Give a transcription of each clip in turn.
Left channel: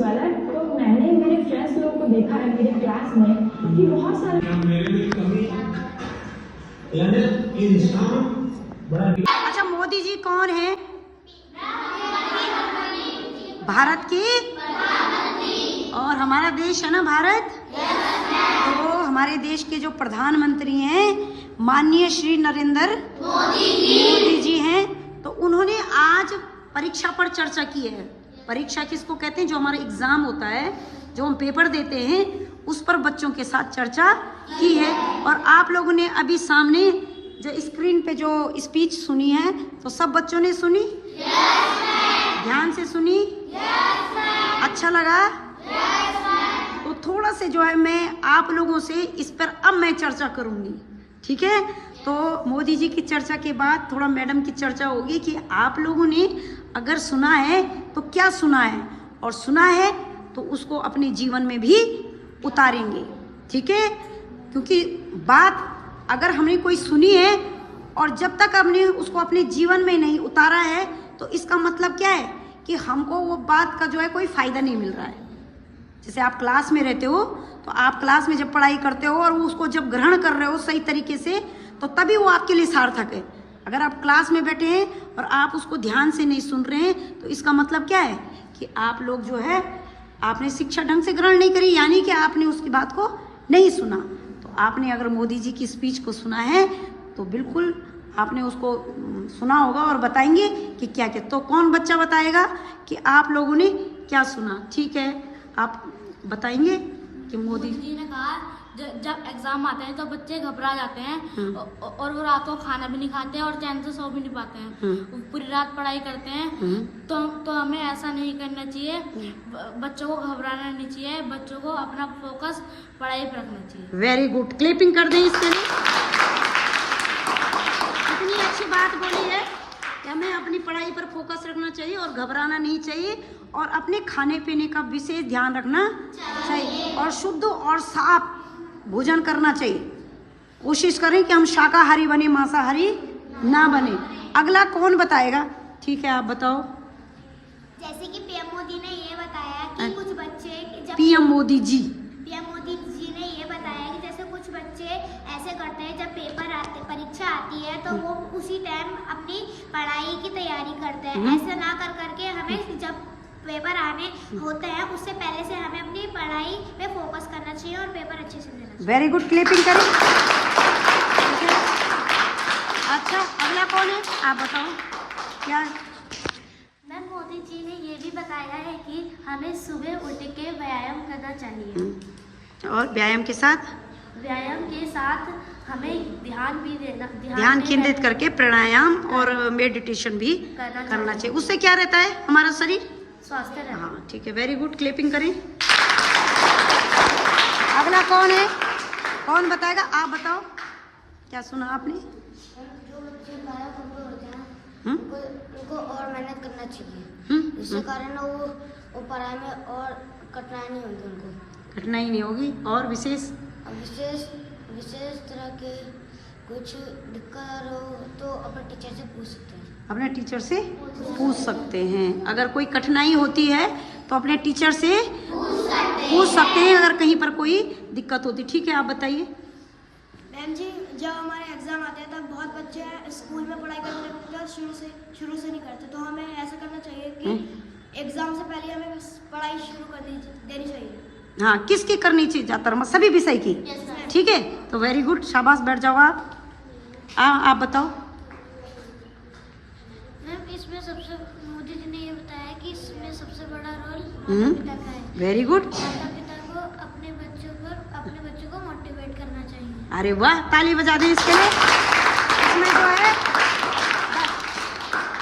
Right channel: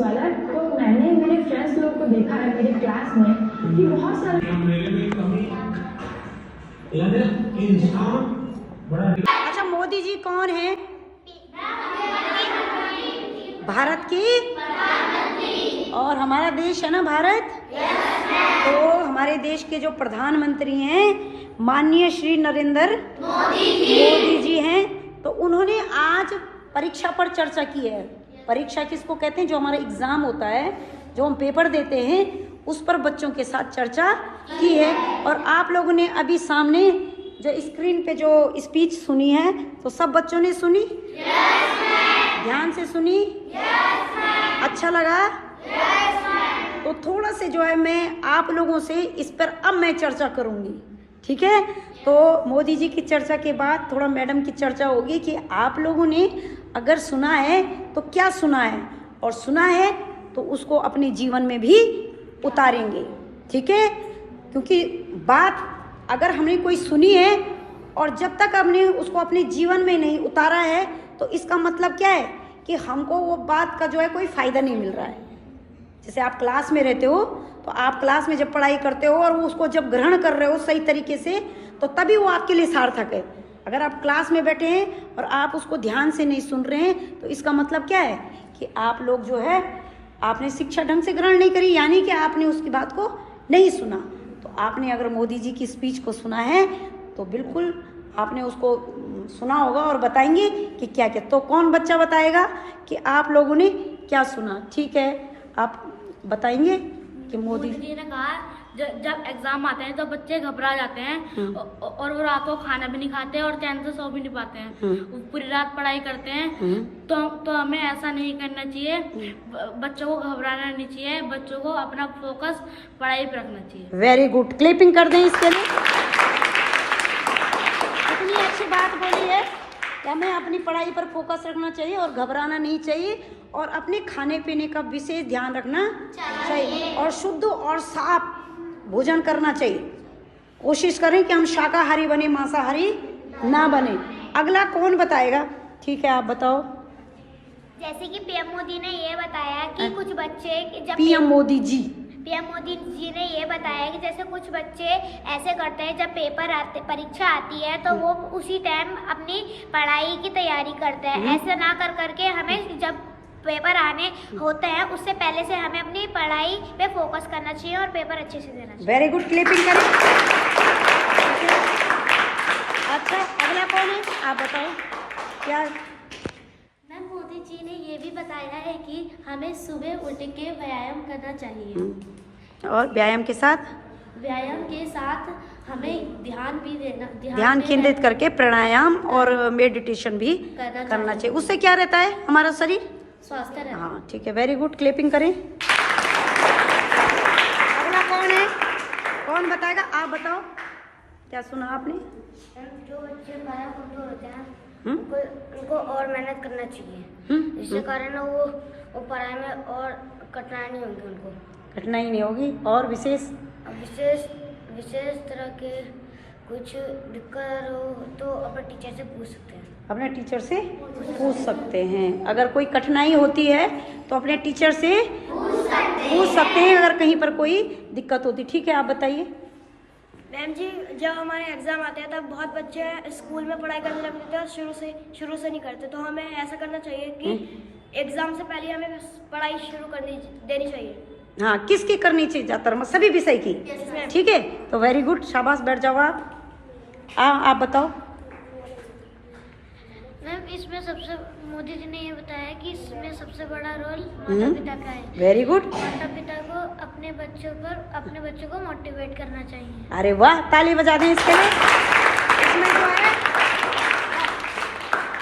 वाला है। तो मैंने मेरे फ्रेंड्स लोग को देखा है मेरे क्लास में कि बहुत सारे अच्छा, मोदी जी कौन है? भारत की, और हमारा देश है ना भारत। तो हमारे देश के जो प्रधानमंत्री हैं माननीय श्री नरेंद्र मोदी जी हैं, तो उन्होंने आज परीक्षा पर चर्चा की है। परीक्षा किसको कहते हैं? जो हमारा एग्जाम होता है, जो हम पेपर देते हैं, उस पर बच्चों के साथ चर्चा की है। और आप लोगों ने अभी सामने जो स्क्रीन पे जो स्पीच सुनी है, तो सब बच्चों ने सुनी? ध्यान से सुनी? अच्छा लगा? तो थोड़ा से जो है मैं आप लोगों से इस पर अब मैं चर्चा करूंगी, ठीक है? तो मोदी जी की चर्चा के बाद थोड़ा मैडम की चर्चा होगी कि आप लोगों ने अगर सुना है तो क्या सुना है, और सुना है तो उसको अपने जीवन में भी उतारेंगे, ठीक है? क्योंकि बात अगर हमने कोई सुनी है और जब तक हमने उसको अपने जीवन में नहीं उतारा है, तो इसका मतलब क्या है कि हमको वो बात का जो है कोई फायदा नहीं मिल रहा है। जैसे आप क्लास में रहते हो, तो आप क्लास में जब पढ़ाई करते हो और उसको जब ग्रहण कर रहे हो सही तरीके से, तो तभी वो आपके लिए सार्थक है। अगर आप क्लास में बैठे हैं और आप उसको ध्यान से नहीं सुन रहे हैं, तो इसका मतलब क्या है कि आप लोग जो है आपने शिक्षा ढंग से ग्रहण नहीं करी, यानी कि आपने उसकी बात को नहीं सुना। तो आपने अगर मोदी जी की स्पीच को सुना है तो बिल्कुल आपने उसको सुना होगा और बताएंगे कि क्या क्या। तो कौन बच्चा बताएगा कि आप लोगों ने क्या सुना? ठीक है, आप बताएंगे कि मोदी जी ने कहा जब एग्जाम आते हैं तो बच्चे घबरा जाते हैं और वो रात को खाना भी नहीं खाते और चैन से सो भी नहीं पाते हैं, वो पूरी रात पढ़ाई करते हैं। तो हमें ऐसा नहीं करना चाहिए, बच्चों को घबराना नहीं चाहिए, बच्चों को अपना फोकस पढ़ाई पर रखना चाहिए। वेरी गुड, क्लिपिंग कर दें इसके लिए। कितनी अच्छी बात बोली है कि हमें अपनी पढ़ाई पर फोकस रखना चाहिए और घबराना नहीं चाहिए, और अपने खाने पीने का विशेष ध्यान रखना चाहिए, और शुद्ध और साफ भोजन करना चाहिए। कोशिश करें कि हम शाकाहारी बने, मांसाहारी ना बने। अगला कौन बताएगा? ठीक है, आप बताओ। जैसे कि पीएम मोदी ने ये बताया कि कुछ बच्चे जब पीएम मोदी जी ने ये बताया कि जैसे कुछ बच्चे ऐसे करते हैं, जब परीक्षा आती है तो वो उसी टाइम अपनी पढ़ाई की तैयारी करते हैं। ऐसे ना कर करके हमें जब पेपर आने होते हैं उससे पहले से हमें अपनी पढ़ाई पे फोकस करना चाहिए और पेपर अच्छे से देना चाहिए। वेरी गुड, क्लिपिंग करें। अच्छा, अगला कौन है? आप बताओ क्या। मैम, मोदी जी ने ये भी बताया है कि हमें सुबह उठ के व्यायाम करना चाहिए, और व्यायाम के साथ हमें ध्यान भी देना, ध्यान केंद्रित करके प्राणायाम और मेडिटेशन भी करना चाहिए। उससे क्या रहता है? हमारा शरीर स्वस्थ रहना। हाँ, ठीक है, वेरी गुड, क्लिपिंग करें। अगला कौन है? कौन बताएगा? आप बताओ, क्या सुना आपने? जो बच्चे पढ़ाई होते हैं उनको और मेहनत करना चाहिए, जिसके कारण वो पढ़ाई में और कठिनाई नहीं होगी, उनको कठिनाई नहीं होगी। और विशेष तरह के कुछ दिक्कत हो तो अपने टीचर से पूछ सकते हैं। अपने टीचर से पूछ सकते हैं। अगर कोई कठिनाई होती है तो अपने टीचर से पूछ सकते हैं, अगर कहीं पर कोई दिक्कत होती। ठीक है, आप बताइए। मैम जी, जब हमारे एग्जाम आते हैं तब बहुत बच्चे स्कूल में पढ़ाई करने लगते थे और शुरू से नहीं करते, तो हमें ऐसा करना चाहिए कि एग्जाम से पहले हमें पढ़ाई शुरू देनी चाहिए। हाँ, किसकी करनी चाहिए? ज्यादातर सभी विषय की। ठीक है, तो वेरी गुड, शाबाश, बैठ जाओ आप बताओ। मैम, इसमें सबसे मोदी जी ने ये बताया कि इसमें सबसे बड़ा रोल माता पिता का है। Very good. माता पिता को अपने बच्चों को मोटिवेट करना चाहिए। अरे वाह, ताली बजा दें इसके लिए। इसमें जो है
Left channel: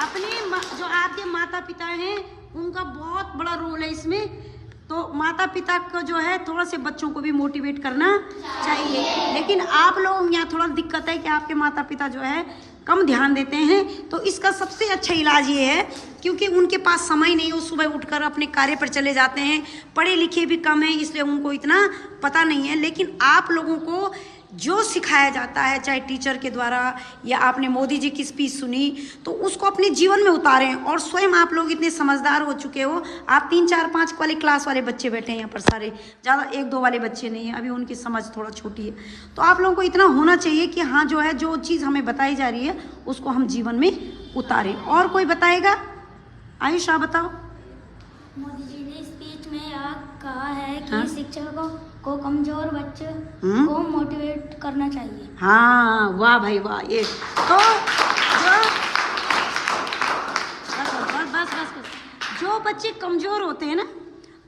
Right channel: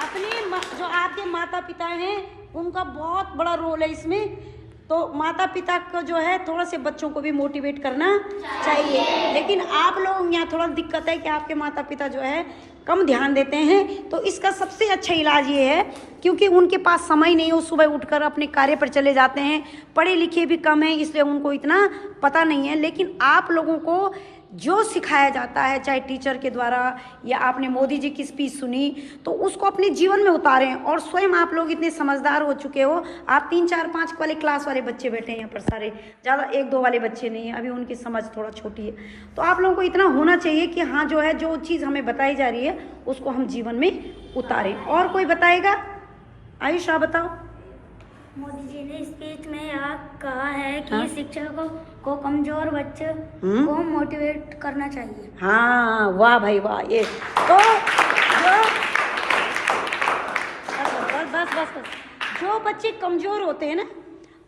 अपने जो आपके माता पिता हैं उनका बहुत बड़ा रोल है इसमें। तो माता पिता को जो है थोड़ा से बच्चों को भी मोटिवेट करना चाहिए। लेकिन आप लोग यहाँ थोड़ा दिक्कत है कि आपके माता पिता जो है कम ध्यान देते हैं। तो इसका सबसे अच्छा इलाज ये है, क्योंकि उनके पास समय नहीं हो, सुबह उठकर अपने कार्य पर चले जाते हैं, पढ़े लिखे भी कम हैं, इसलिए उनको इतना पता नहीं है। लेकिन आप लोगों को जो सिखाया जाता है, चाहे टीचर के द्वारा या आपने मोदी जी की स्पीच सुनी, तो उसको अपने जीवन में उतारें। और स्वयं आप लोग इतने समझदार हो चुके हो, आप 3, 4, 5 वाले क्लास वाले बच्चे बैठे हैं यहाँ पर सारे, ज़्यादा 1, 2 वाले बच्चे नहीं हैं, अभी उनकी समझ थोड़ा छोटी है। तो आप लोगों को इतना होना चाहिए कि हाँ जो है, जो चीज़ हमें बताई जा रही है उसको हम जीवन में उतारें। और कोई बताएगा? आयुष आप बताओ। मोदी जी ने स्पीच में यह कहा है कि शिक्षकों को कमजोर बच्चे को मोटिवेट करना चाहिए। हाँ, वाह भाई वाह। ये तो जो बस जो बच्चे कमजोर होते हैं ना,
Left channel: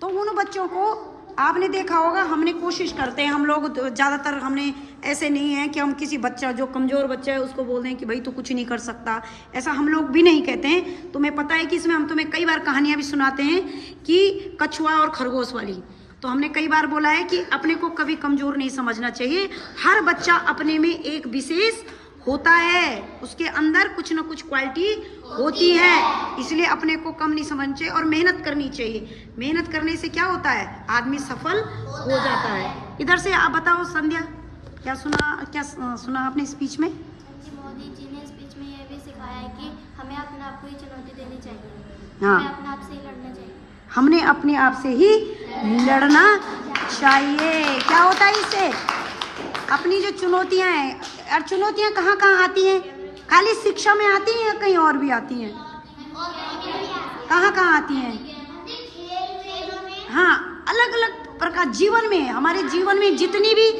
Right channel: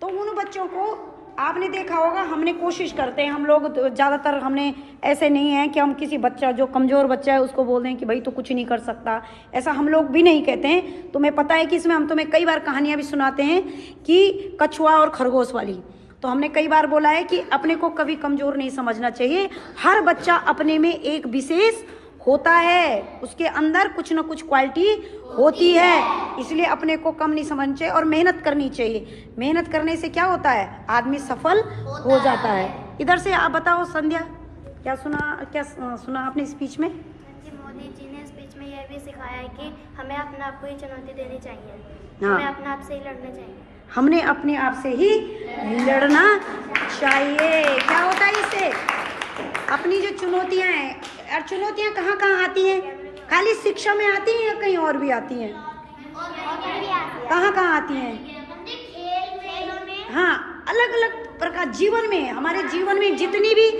तो उन बच्चों को आपने देखा होगा, हमने कोशिश करते हैं, हम लोग ज़्यादातर हमने ऐसे नहीं है कि हम किसी बच्चा जो कमज़ोर बच्चा है उसको बोल दें कि भाई तो कुछ नहीं कर सकता, ऐसा हम लोग भी नहीं कहते हैं। तुम्हें पता है कि इसमें हम तुम्हें कई बार कहानियाँ भी सुनाते हैं कि कछुआ और खरगोश वाली। तो हमने कई बार बोला है कि अपने को कभी कमज़ोर नहीं समझना चाहिए। हर बच्चा अपने में एक विशेष होता है, उसके अंदर कुछ ना कुछ क्वालिटी होती है, इसलिए अपने को कम नहीं समझना चाहिए और मेहनत करनी चाहिए। मेहनत करने से क्या होता है, आदमी सफल हो जाता है। इधर से आप बताओ संध्या, क्या सुना आपने स्पीच में? मोदी जी ने स्पीच में यह भी सिखाया है कि हमें अपने आप को ही चुनौती देनी चाहिए। हाँ, हमें अपने आप से ही लड़ना चाहिए। हमने अपने आप से ही लड़ना चाहिए। क्या होता है इससे? अपनी जो चुनौतियां हैं, और चुनौतियां कहाँ कहाँ आती हैं? खाली शिक्षा में आती हैं या कहीं और भी आती हैं? कहाँ कहाँ आती हैं? हाँ, अलग अलग प्रकार जीवन में, हमारे जीवन में जितनी भी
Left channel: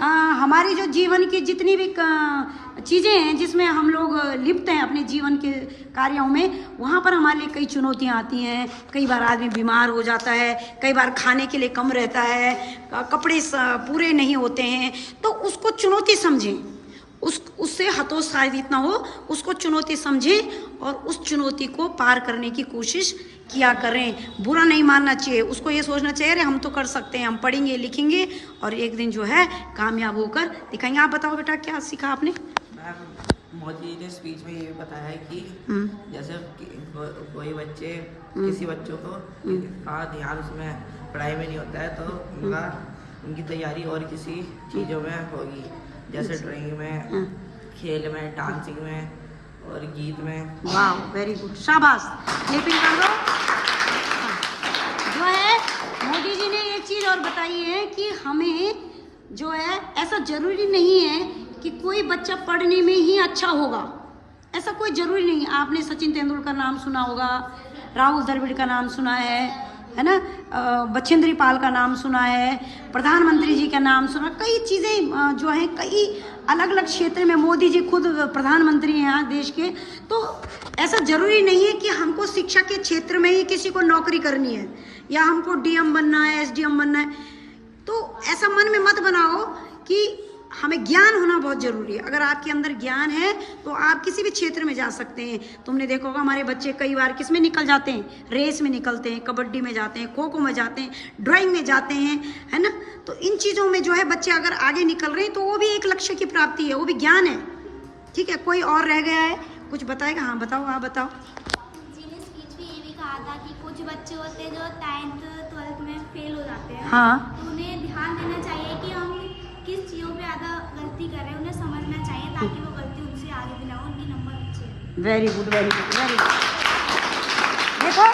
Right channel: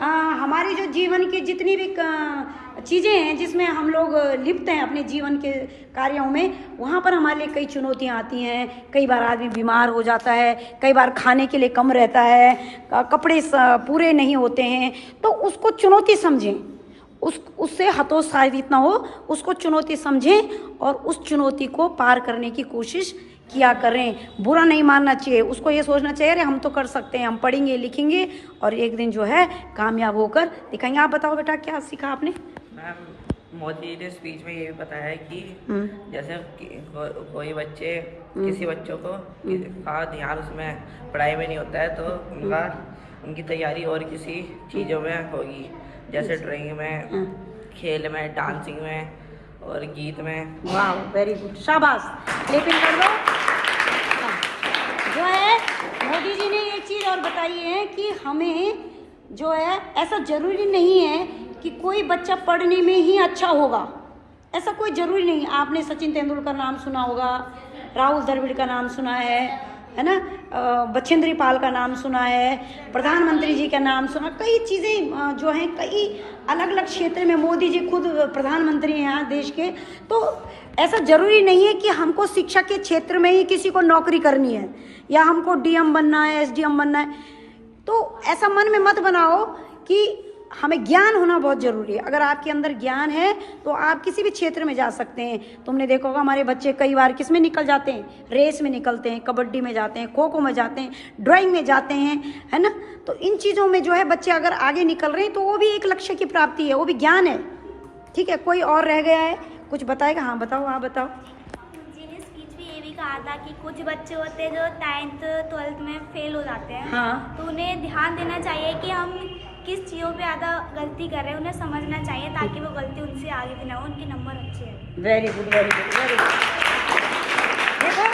हमारी जो जीवन की जितनी भी चीज़ें हैं जिसमें हम लोग लिप्त हैं अपने जीवन के कार्यों में, वहाँ पर हमारे लिए कई चुनौतियाँ आती हैं। कई बार आदमी बीमार हो जाता है, कई बार खाने के लिए कम रहता है, कपड़े पूरे नहीं होते हैं, तो उसको चुनौती समझें, उससे हतोत्साहित ना हो, उसको चुनौती समझें और उस चुनौती को पार करने की कोशिश किया करें। बुरा नहीं मानना चाहिए, उसको ये सोचना चाहिए अरे हम तो कर सकते हैं, हम पढ़ेंगे लिखेंगे और एक दिन जो है कामयाब होकर दिखाएंगे। आप बताओ बेटा, क्या सीखा आपने? मैम, मोदी ने स्पीच में ये बताया है कि जैसे कोई बच्चे किसी बच्चों को का ध्यान उसमें पढ़ाई में नहीं होता है, तो उनकी तैयारी और किसी चीज़ों में होगी, जैसे ड्राइंग में, खेल में, डांसिंग में और गीत में। वाह, वेरी गुड, शाबाश, क्लैपिंग कर दो। जो है मोदी जी ने एक चीज़ और बताई है कि हमें जो है, ऐसा जरूरी नहीं है कि कोई बच्चा पढ़ने में ही अच्छा होगा, ऐसा कोई ज़रूरी नहीं। आपने सचिन तेंदुलकर नाम सुना होगा, राहुल द्रविड़ का नाम सुना है ना, बछेंद्री पाल का नाम सुना है, प्रधानमंत्री जी का नाम सुना, कई चीज़ें जो हैं, कई अलग अलग क्षेत्र में मोदी जी खुद प्रधानमंत्री हैं यहाँ देश के। तो ऐसा ज़रूरी नहीं है कि हमको शिक्षा के क्षेत्र में ही किसी को नौकरी करनी है या हमको डीएम बनना है, एसडीएम बनना है। तो ऐसा मन में मत बनाओ कि हमें ज्ञान होना बहुत ज़रूरी है। अगर आपके अंदर ज्ञान है तो आप किसी भी क्षेत्र में जा सकते हैं। तुमने देखा होगा हमारे बच्चे कई बार किस में निकल जाते हैं, रेस में निकलते हैं, कबड्डी में जाते हैं, खो खो में जाते हैं, ड्राइंग में जाते हैं, है ना। तो इन चीज़ों में जो है बच्चे अगर आगे निकल रहे हैं तो वो भी एक लक्ष्य की प्राप्ति है, वो भी ज्ञान है। ठीक है, कोई और रह गया है, कुछ बताएगा? हाँ बताओ, आप बताओ। कहा था कि कुछ बच्चे होते हैं जो 9th 12th में फेल हो जाते हैं। हाँ, तो उन्हें ध्यान देना चाहिए कि हम किस चीज़ों पे ज़्यादा गलती कर रहे हैं, उन्हें समझना चाहिए ताकि वो गलती उनसे आगे भी ना हो, उनके नंबर अच्छे हैं। Very good, very good, very good. देखो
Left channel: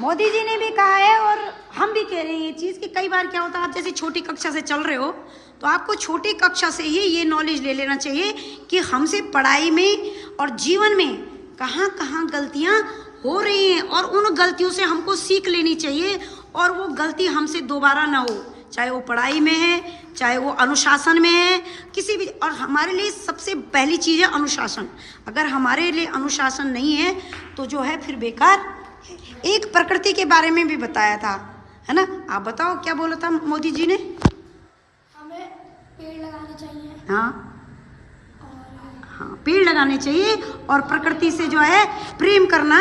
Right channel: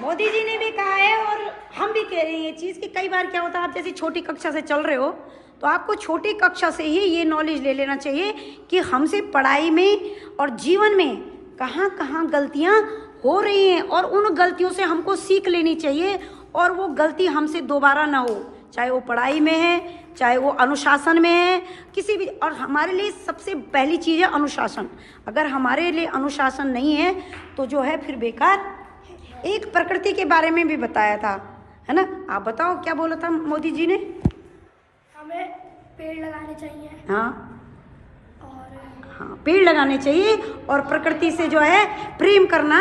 मोदी जी ने भी कहा है और हम भी कह रहे हैं ये चीज़ कि कई बार क्या होता है, आप जैसे छोटी कक्षा से चल रहे हो तो आपको छोटी कक्षा से ही ये नॉलेज ले लेना चाहिए कि हमसे पढ़ाई में और जीवन में कहाँ कहाँ गलतियाँ हो रही हैं और उन गलतियों से हमको सीख लेनी चाहिए और वो गलती हमसे दोबारा ना हो, चाहे वो पढ़ाई में है, चाहे वो अनुशासन में है, किसी भी। और हमारे लिए सबसे पहली चीज़ है अनुशासन। अगर हमारे लिए अनुशासन नहीं है तो जो है फिर बेकार। एक प्रकृति के बारे में भी बताया था, है ना। आप बताओ क्या बोला था मोदी जी ने? हमें पेड़ लगाने चाहिए। हाँ हाँ, पेड़ लगाने चाहिए और प्रकृति से जो है प्रेम करना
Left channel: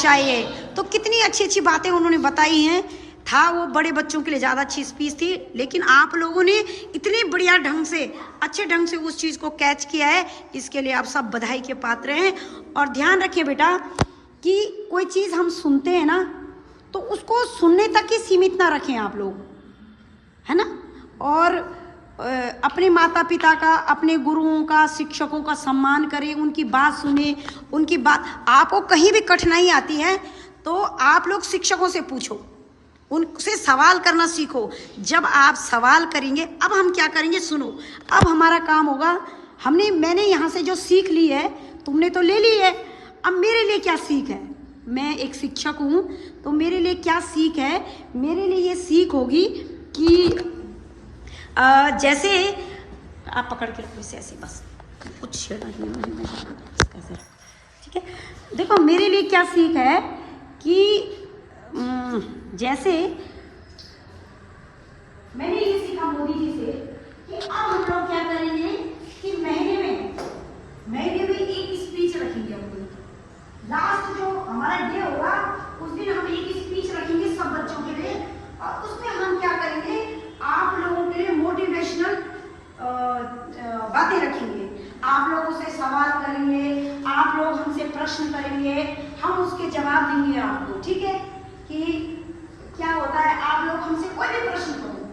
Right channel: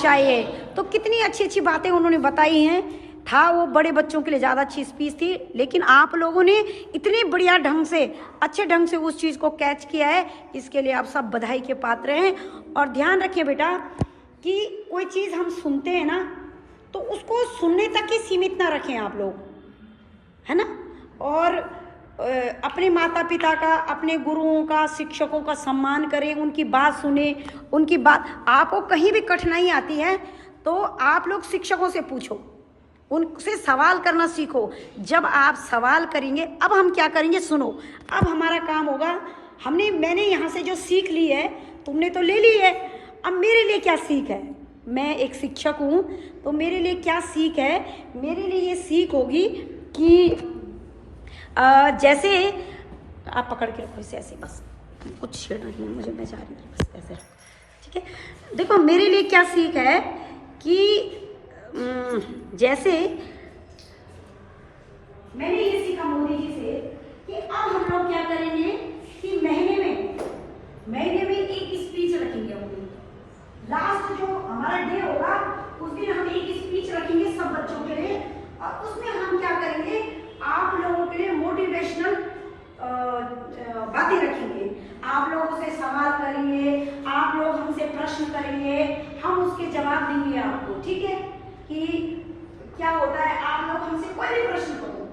चाहिए। तो कितनी अच्छी अच्छी बातें उन्होंने बताई हैं। था वो बड़े बच्चों के लिए ज़्यादा अच्छी स्पीच थी, लेकिन आप लोगों ने इतने बढ़िया ढंग से, अच्छे ढंग से उस चीज़ को कैच किया है, इसके लिए आप सब बधाई के पात्र हैं। और ध्यान रखें बेटा कि कोई चीज़ हम सुनते हैं ना तो उसको सुनने तक ही सीमित ना रखें आप लोग, है ना। और अपने माता पिता का, अपने गुरुओं का, शिक्षकों का सम्मान करें, उनकी बात सुने, उनकी बात। आपको कहीं भी कठिनाई आती है तो आप लोग शिक्षकों से पूछो, उनसे सवाल करना सीखो। जब आप सवाल करेंगे, अब हम क्या करेंगे सुनो। अब हमारा काम होगा, मैंने यहाँ से जो सीख ली है, तुमने तो ले ली है, अब मेरे लिए क्या सीख है। मैं एक शिक्षक हूँ तो मेरे लिए क्या सीख है। मेरे लिए ये सीख होगी कि जैसे आप पकड़ के रखो इसे ऐसे, बस कुछ छेड़ना ही नहीं मुझे, मैं जा रही हूँ ऐसे, ठीक है। देखो मेरे लिए क्या सीख है कि जैसे मैंने ये सीखा मोदी जी से कि अब हम लोग क्या करेंगे कि महीने में एक स्पीच रखेंगे। लास्ट जो हमारा डे होगा उस दिन हम एक स्पीच रखेंगे सब बच्चों के लिए, और उसमें हम क्या करेंगे, आप लोगों के लिए मोटिवेशनल बातें रखेंगे। आप लोगों से सवाल करेंगे, आप लोग हमसे प्रश्न करेंगे, हम उसके जवाब देंगे आपको, ठीक है। कि क्या होता है, आप लोग हमसे कोई भी प्रश्न करो,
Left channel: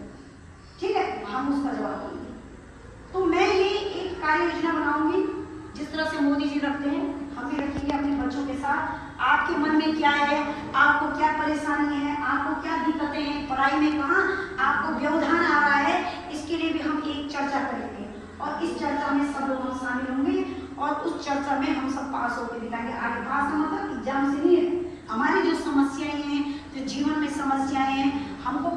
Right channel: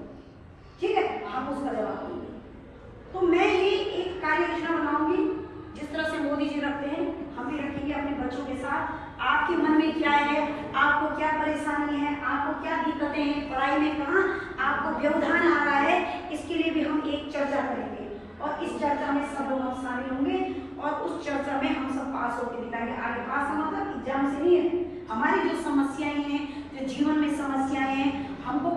ठीक है, हम उसका जवाब देंगे। तो मैं ये एक कार्य योजना बनाऊंगी जिस तरह से मोदी जी रखते हैं, हम भी रखेंगे अपने बच्चों के साथ। आपके मन में क्या है, आपको क्या परेशानी है, आपको क्या दिक्कतें हैं, पढ़ाई में कहाँ आपको व्यवधान आ रहा है, इसके लिए भी हम एक चर्चा करेंगे, और इस चर्चा में सब लोग शामिल होंगे, और उस चर्चा में हम सब पास होकर दिखाएंगे। आगे पास मतलब एग्जाम से नहीं है, हमारी जो समस्याएं हैं, जो जीवन में समस्याएं हैं, हमको